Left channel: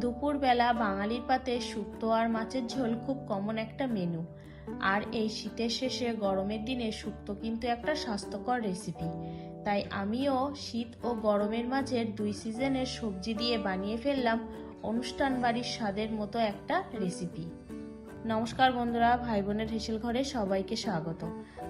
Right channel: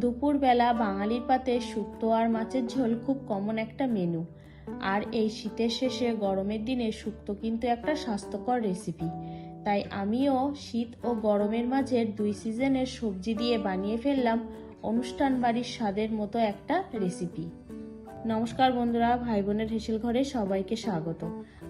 দুপুরবেলা বাঙালির পাতে শুক্তো আর মাছের ঝোল খুব কমন একটা মেনু আর এই শীতের শেষে গরমের দিনে শুক্তো কিন্তু একটা স্বাস্থ্যকর রেসিপি তাই আমিও শীত ও গরমের মাঝের দুই সিজনের সবজি দিয়ে বানিয়ে ফেললাম অনুষ্ঠান বাড়ির স্বাদের মতো একটা রেসিপি নমস্কার বন্ধুরা ভাই বোনের হেসেল ঘরে সবাইকে স্বাগত।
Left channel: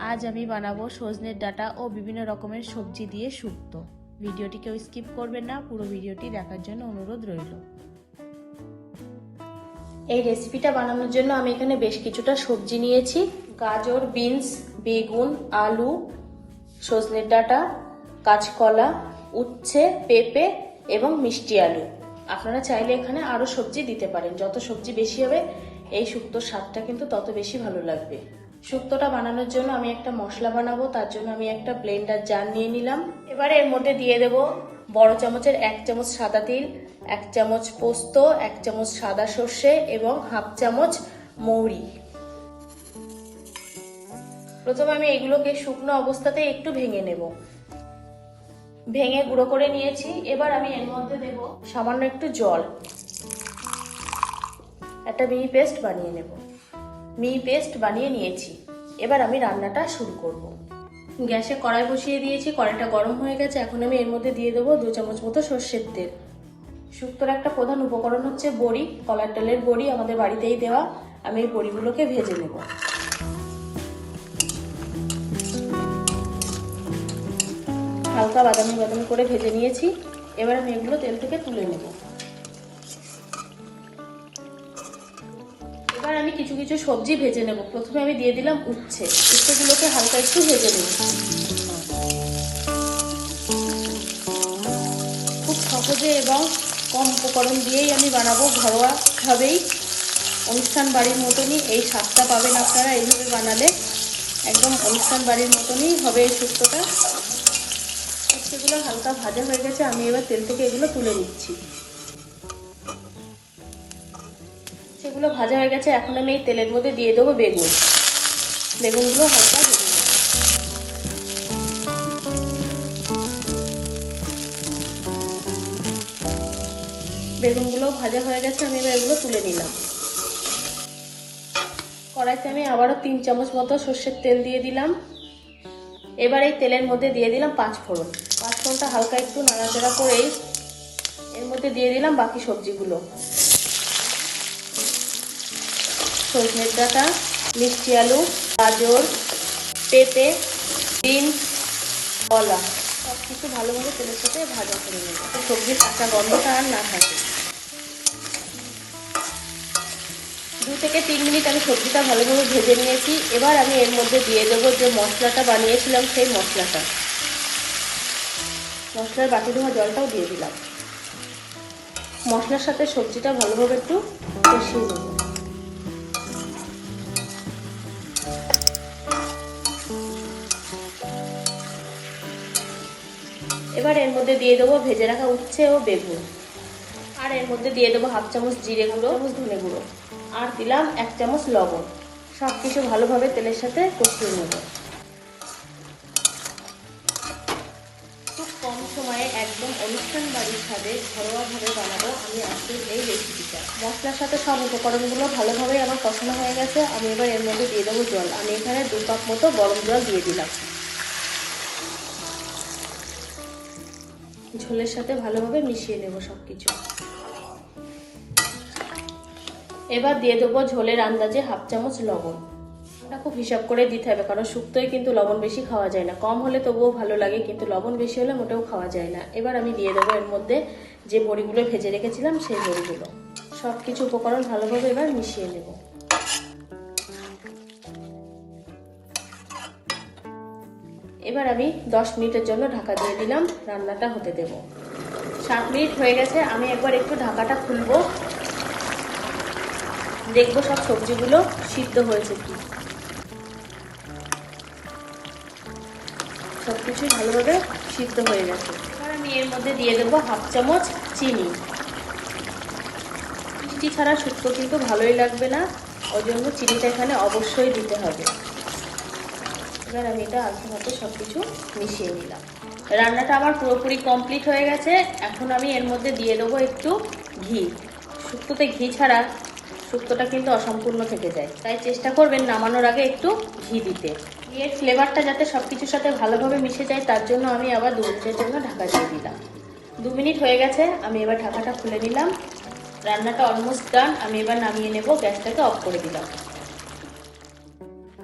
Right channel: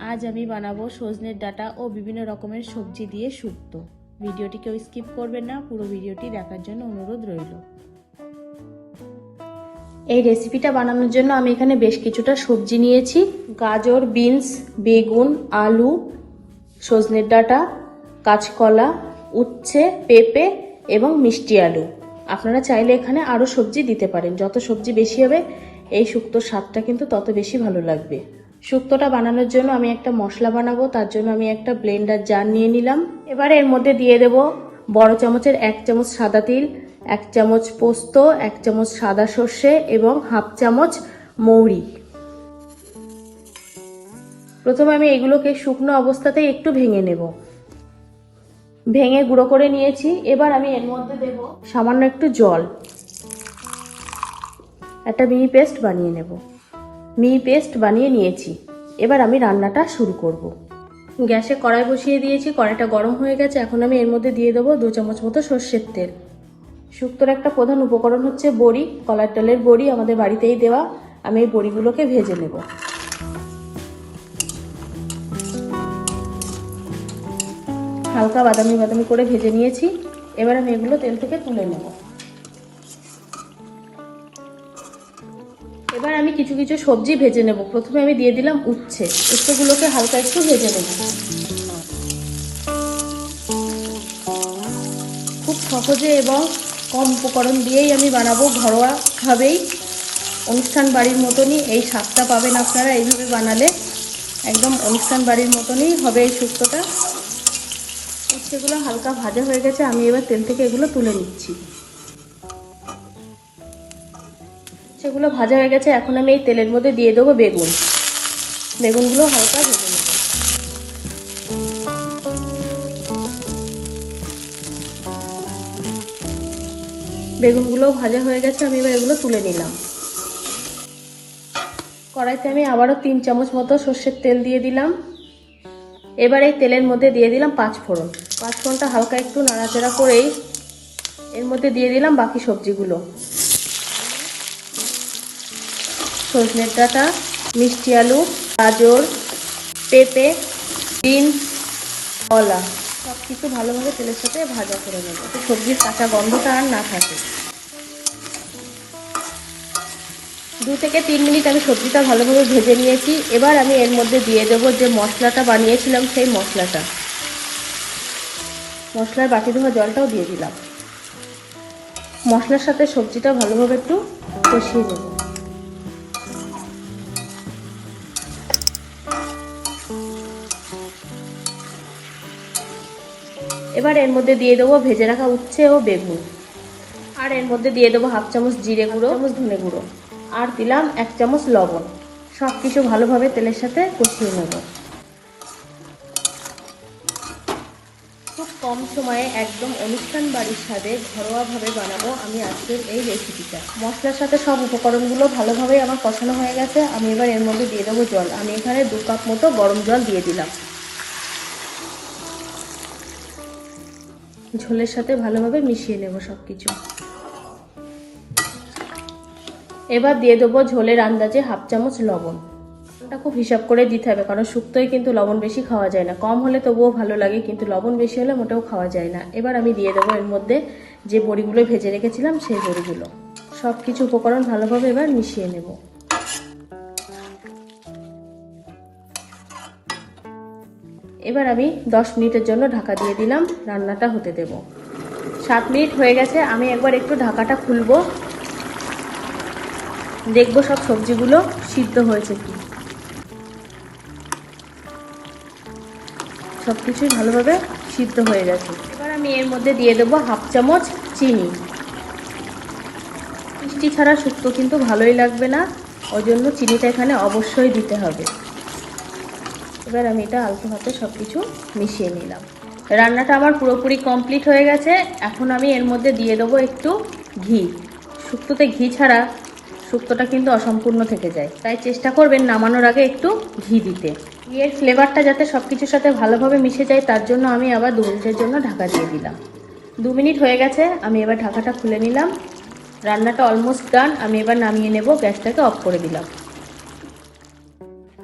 আজ আমি বানাবো সজনের ডাটা ও বিভিন্ন রকমের সবজি দিয়ে শুক্তো। ভিডিওটি কেউ স্কিপ করবেন না, পুরো ভিডিওটি দেখার জন্য অনুরোধ রইল। এই রেসিপিটা বানানোর জন্য আমি এখানে বেশ কিছুটা সবজি নিয়েছি। গাজর বিনস বেগুন, আলু, সজনের ডাঁটা, কাঁচকলা, উচ্ছে, পেঁপে এবং মিষ্টি আলু। আপনারা চাইলে এখানে আরও সবজি দিতে পারেন। যত সবজি বেশি হবে, এই শুক্তোর স্বাদটা কিন্তু তত বেশি ভালো লাগবে। শুক্তোটা বানানোর জন্য আমি একটা মশলা বানাবো। তার জন্য আমি একটা ব্লেন্ডার জার নিয়ে নিলাম। এবার এর মধ্যে দিয়ে দেব বড় চামচের এক চামচ সাদা তিল এক চামচ পোস্ত, এক চামচ সাদা সর্ষে এবং হাফ চামচ মৌরি। প্রথমে আমি এগুলোকে শুকনো অবস্থাতে একটু ভেঙে নেব। ভেঙে গুঁড়ো করে নিয়েছি। এবার আমি এর মধ্যে দেব সামান্য একটু জল। একটা মিহি পেস্ট বানিয়ে নেব। মিহি পেস্ট বানিয়ে নিয়েছি। এবার আমি রান্নাটা শুরু করব। গ্যাসে কড়াই বসিয়ে দিয়েছি। কড়াইটা গরম হয়ে গেছে। এখন আমি এর মধ্যে দিয়ে দেবো দু চামচ মতো সর্ষের তেল। শুক্তোর একটা প্রধান উপকরণ হচ্ছে বড়ি, কলার ডালের বড়ি আমাদের বাড়িতেই দেওয়া। আমি এই বড়িগুলোকে ভেজে নেব। হালকা বাদামি বাদামি করে ভেজে নিয়েছি। এবার আমি এগুলো তেল থেকে তুলে নেব। এবার আমি কিছু কিছু সবজি ভেজে নেব। প্রথমে আমি দিয়ে দিলাম উচ্ছে। উচ্ছেগুলোকে হালকা একটু ভেজে নেব। খুব সহজে এবং কম উপকরণ দিয়েই আমি বানাবো ঘরোয়া ভাবেই অনুষ্ঠান বাড়ির মতনই এই স্বাদটা পাবেন আপনারা এইভাবে বানালে। একদম অনুষ্ঠান বাড়ির মতনই হবে এই শুক্তোটা সেগুলো হালকা ভাজা হয়ে গেছে, আমি এবার তেল থেকে এগুলো তুলে নিচ্ছি। সেগুলো ভাজা হয়ে গেছে, এখন আমি এই তেলের মধ্যে দিয়ে দেবো বেগুন। বেগুনগুলো হালকা বেগুনগুলো ভাজা হয়ে গেছে, আমি এবার এগুলো তুলে নিলাম। কড়াইতে আমি আবারও তিন চামচ মতো সর্ষের তেল দিয়ে দিলাম। এবার এই তেলের মধ্যে দিয়ে দিলাম পাঁচ ফোড়ন পাঁচ ফোড়নটা হালকা একটু নাড়াচাড়া করেই এর মধ্যে দিয়ে দিলাম বাকি সবজিগুলো। সজনের ডাঁটা, মিষ্টি আলু, গাজর, পেঁপে, বিনস, কলা। কিছু ভালোভাবে তেলের সাথে ভাজা করে নেব। সবজির কাঁচা গন্ধটা আর না থাকে। দু থেকে তিন মিনিট আমি সবজিটা ভালোভাবে ভেজে নিয়েছি। এবার আমি এর মধ্যে দিয়ে দেবো যে মশলাটা বানিয়েছিলাম সেই মশলাটা। মশলার বাটি ধোয়া জলটাও দিয়ে দিলাম। মশলার সাথে সবজিটা ভালোভাবে একটু কষিয়ে দেবো এবার এর মধ্যে দিয়ে দেবো ভেজে রাখা উচ্ছে ও বেগুন। আর এর মধ্যে দিয়ে দেবো হাফ চামচ জিরে গুঁড়ো ধনে গুঁড়ো। আর দিলাম এক চামচ লবণ। সব কিছু ভালোভাবে তেলের সাথে কষিয়ে নেব। খুব কম সময়ে একদম অনুষ্ঠান বাড়ির স্বাদে ঘরোয়াভাবে বানাবো আমি আজকের এই রেসিপিটা। মশলার সাথে সব উপকরণগুলো ভালোভাবে আমার কষানো হয়ে গেছে। আমি এবার এর মধ্যে দিয়ে দেবো জল। আমি এখানে দু কাপ মতো গরম জল দিয়ে দিলাম। ঝোলের সাথে ভালোভাবে মিশিয়ে নেব সব কিছু এবার দিয়ে দেবো ঝোলের আন্দাজে হাফ চামচ লবণ। এটা খুব হিসাব করে দিতে হবে, কারণ শুক্তোয় কিন্তু লবণ বেশি খাওয়া যায় না। কম হলে তবুও ভালো লাগে, কিন্তু লবণ বেশি হলে মোটেও খাওয়া যায় না। এবার আমি দিয়ে দেবো এর মধ্যে যে বড়িগুলো ভেজে রেখেছিলাম সেই বড়িগুলো। সব কিছু উপকরণ ভালোভাবে এবার মিশিয়ে নেব। এবার আমি দশ মিনিটের জন্য ঢাকা দিয়ে দিলাম, রান্নাটা হতে দেব। সাত মিনিট হয়ে গেছে, আমি একবার একটু ঢাকাটা খুলবো। দেখব সব সবজিগুলো সিদ্ধ হয়েছে সব কিছুই ভালোভাবে সিদ্ধ হয়ে গেছে। এবার আমি এর মধ্যে দিয়ে দেবো হাফ চামচ চিনি। মিষ্টি ছাড়া শুক্তো কিন্তু ভালোই লাগবে না, ওই জন্য চিনিটা এখানে অবশ্যই দিতে হবে। এবার আমি এটা আলতো মতো সব কিছু মিশিয়ে নিলাম। রান্নাটা আমার পুরোপুরি কমপ্লিট হয়ে গেছে। এখন আমি এর মধ্যে দিয়ে দেবো একটু ঘি। শুক্তোতে ঘি ছাড়া শুক্তোটা কিন্তু অসম্পূর্ণ থেকে যায়। তাই চেষ্টা করবেন নামানোর আগে একটু ঘি দিতে। ঘিয়ের ফ্লেভারটা যাতে সব কিছুর সাথে ভালোভাবে মিশে যায়, তার জন্য আমি আবার দু জন্য ঢাকা দিয়ে দিলাম। দু মিনিট হয়ে গেছে, আমি এবার ঢাকাটা খুলে নিলাম। রান্নাটা অলমোস্ট ডান আমি এবার নামিয়ে নেব, গ্যাসটাকে অফ করে দিলাম।